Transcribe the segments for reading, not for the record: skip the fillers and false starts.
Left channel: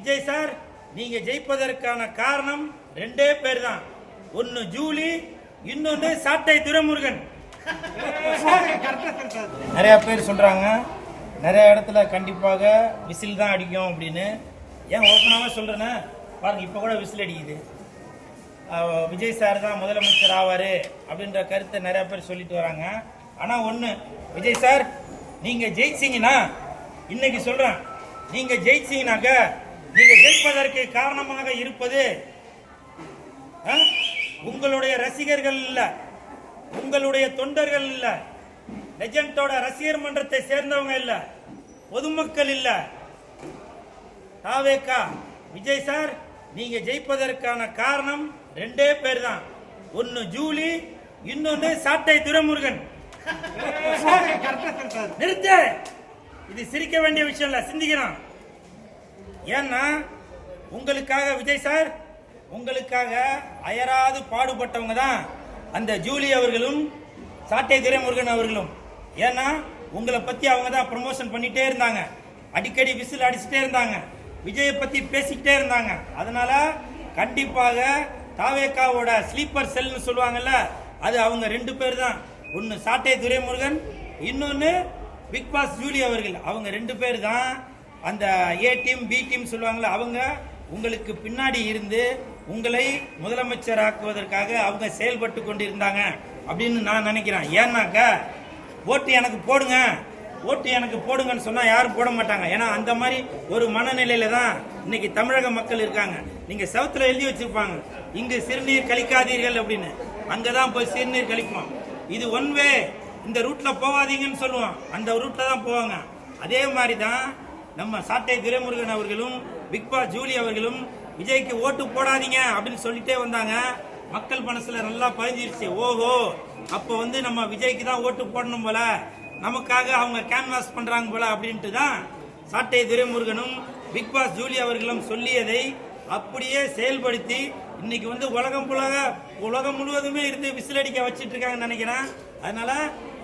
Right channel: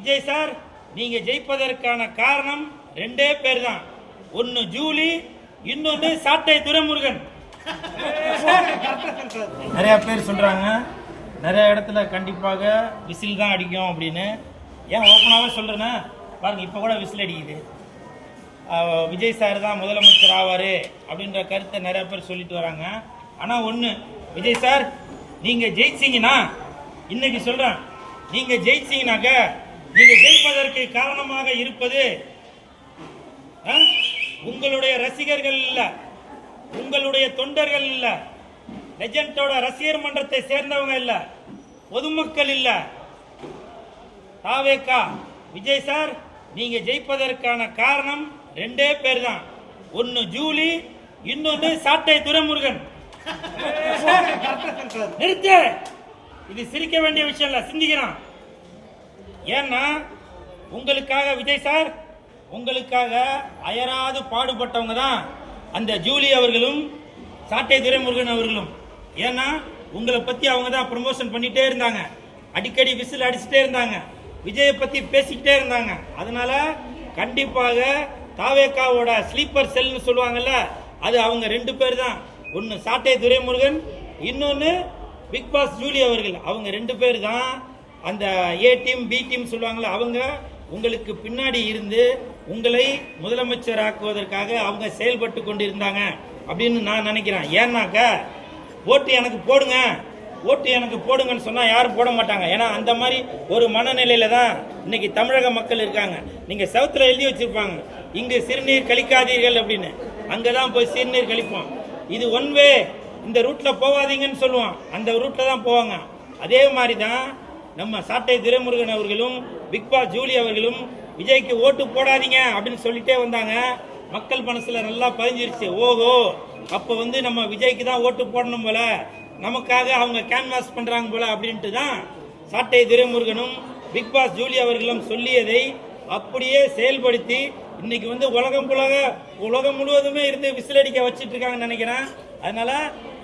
Vijay sir, நீங்க ஜெயிப்பதற்கான காரணம் ரெண்டே பேர் தான். ஒன்னு ஜூலி, இன்னொன்னு சாட்டை துரைமுருகன். நிறைய பேர் சொல்றாங்க நிறைய இடத்துல கண்டிப்பாக விசில் தான் அடிக்கும் அப்படின்னு. ஏன் ஓப்பனாக சொல்றேன்னா பாருங்க, இப்போ கூட விசில் அடிக்குது. விஜய் சார் தான் முதலமைச்சர் ஆவார் அப்படின்ற கருத்தை நிறைய பேர் சொல்லிட்டு வராங்க. ஆனால் ஒன்று, விஜய் சார் நீங்கள் ஜெயிச்சிங்கன்னா, இன்னைக்கு சொல்கிறேன், நீங்கள் ஜெயிச்சிங்கனாக்க நீங்கள் ஜெயிப்பதற்கு காரணமாக இருப்பது உங்களுடைய ரசிகர்கள் இல்லை, உங்களுடைய தொண்டர்கள் இல்லை, லெஜண்டோட ரசிகர் மன்றத்தை சேர்ந்தவங்க இல்லை, பொதுமக்கள் இல்லை, தாவேகா. விஜய் சார், நீங்க ஜெயிப்பதற்கான காரணம் ரெண்டே பேர் தான். ஒன்னு ஜூலி, இன்னொன்னு சாட்டை துரைமுருகன். நிறுத்து, இது சிரிக்க வேண்டிய விஷயம் இல்ல, சிந்திக்கிறோம். ஏன்னா உங்களுக்காக விஜய் சார், உங்களுக்காக அயராது பாடுபட்டவங்க தான் அந்த ஜூலி அவர்களும் சாட்டை துரைமுருகன் அவர்களும். ஏன்னா உங்களை பத்தி அவங்க தான் ப்ரமோஷன் பண்ணிட்டே இருந்தாங்க, அடிக்கடி விசில் அடிச்சுட்டே இருந்தாங்க, விஜயை பத்தி பேசிக்கிட்டே இருந்தாங்க. அதனால கண்டிப்பாக தாவேகாவோட ஸ்லீப்பர் செல்னு சொல்லுவாங்கல்ல, அது அவங்க ரெண்டு பேர் தான். ஒன்னு சாட்டை துரைமுருகன், இன்னொன்னு பிக் பாஸ் ஜூலி அவர்கள். அவங்க ரெண்டு பேர் தான் அந்த ஏ டீம் பி டீம் சொல்லுவாங்கல்ல, அவங்க உங்களுக்கு பின்னாடி இருந்து உங்களை முதலமைச்சர் ஆக்குவதற்காக அவங்க செயல்பட்டு கொண்டிருந்தாங்க அப்படின்னு நான் நினைக்கிறேன். ஏன்னாக்க ஓட்டு எனக்கு போடுங்க, ஓட்டு எனக்கு போடுங்கன்னு சொன்னா யாரும் போட மாட்டாங்க. ஏன்னா அந்த மாதிரி ஒரு மனநிலையில தான் இன்னைக்கு தமிழக மக்கள் இருக்காங்க. நீங்க செவத்துல எழுதி வச்சிருப்பாங்க, இங்கு சிறுநீர் கழிக்காதீர்கள் அப்படின்னு. அங்கதான் போய் சிறுநீர் கழிப்போம். இது ஒன் வே, இந்த ரூட்ல போவாதீங்கன்னு சொல்லுவோம், அந்த ரூட்ல தான் போவாங்க. அதே மாதிரி தான் நம்ம சாட்டை துரைமுருகன் அவர்களும் பிக் பாஸ் ஜூலி அவர்களும் விஜய்க்கு ஓட்டு போடாதீங்க அப்படின்னு சொல்லிட்டே வந்தாங்க. மக்கள் மனசுல நல்லா பதிஞ்சிருச்சு. ஓஹோ, அப்ப நம்ம விஜய்க்கு தான் ஓட்டு போடணும் போல, நமக்காக அவங்க கேன்வாஸ் பண்றாங்க போல அப்படின்ட்டு தான் சாட்டை துரைமுருகனும் பிக் பாஸ் ஜூலி அவர்களும் சொல்லியதை அப்படியே செயல்படுத்தி இன்னைக்கு உலகம் முழுவதுமே இருந்து விசிலடிக்க வச்சிட்டு இருக்காங்கன்னு நினைக்கிறேன். அதனால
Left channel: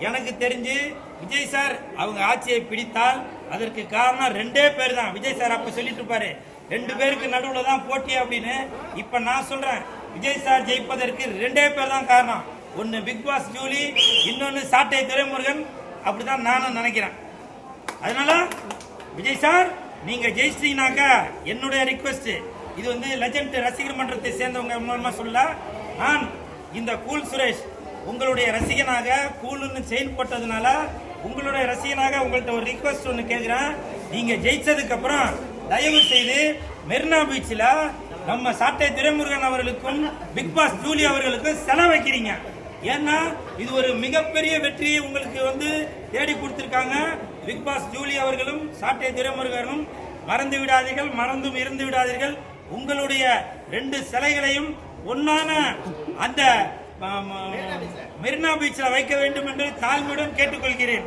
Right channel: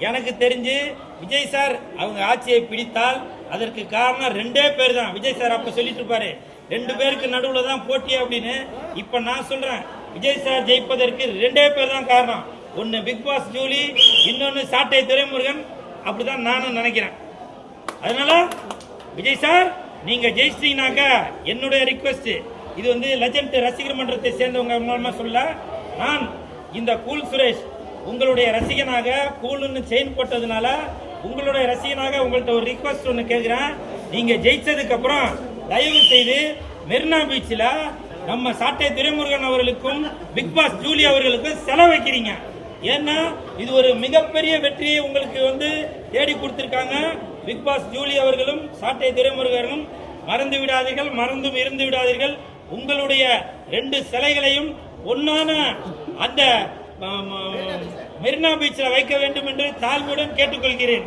எனக்கு தெரிஞ்சு விஜய் சார் அவங்க ஆட்சியை பிடித்தால் அதற்கு காரணம் ரெண்டே பேர் தான். விஜய் சார் அப்ப சொல்லிட்டு இருப்பாரு, ரெண்டு பேருக்கு நடுவுல தான் போட்டி அப்படின்னு. இப்ப நான் சொல்றேன், விஜய் சார் ஜெயிப்பதற்கு ரெண்டே பேர் தான் காரணம். ஒன்னு பிக் பாஸ் ஜூலி, இன்னொன்னு சாட்டை துரைமுருகன். அப்படிதான் நானும் நினைக்கிறேன். அதனால விஜய் சார், நீங்க ஜெயிச்சிட்டீங்கன்னாக்க என்னுடைய ரிக்வெஸ்ட், இது லெஜண்ட் ரசிகர் மன்றத்தை சேர்ந்தவங்க மூலமா சொல்ல, நான் இந்த கூல் சுரேஷ் உங்களுடைய ரசிகனாக, கூலுன்னு செயின் போட்டதுனால உங்களுடைய ரசிகனாக உங்கள்கிட்ட ஒரு ரிக்வெஸ்ட் ஒன்று கேட்கிறேன். நீங்க ஜெயிச்சதுக்கு அப்புறம் தயவு செய்து மெரினா பீச்சில் நம்ம சாட்டை துரைமுருகன் அவர்களுக்கும் பிக் பாஸ் ஜூலி அவர்களுக்கும் செலவு வைக்கிறீங்க. ஏன்னா இது ஒரு மிகப்பெரிய வெற்றியை உங்களுக்கு தேடி கொடுத்திருக்காங்க. பிக் பாஸ் ஜூலி அவர்களும் சாட்டை துரைமுருகனும் மறந்து விடாதீர்கள், மறந்தும் இருந்து விடாதீர்கள். உங்களுடைய ரெண்டு சிலைகளையும் ஒன்னான அந்த மெரினா பீச்சில் வைக்க வேண்டும் என்று தாழ்மையுடன் கேட்டுக்கொள்கிறேன்.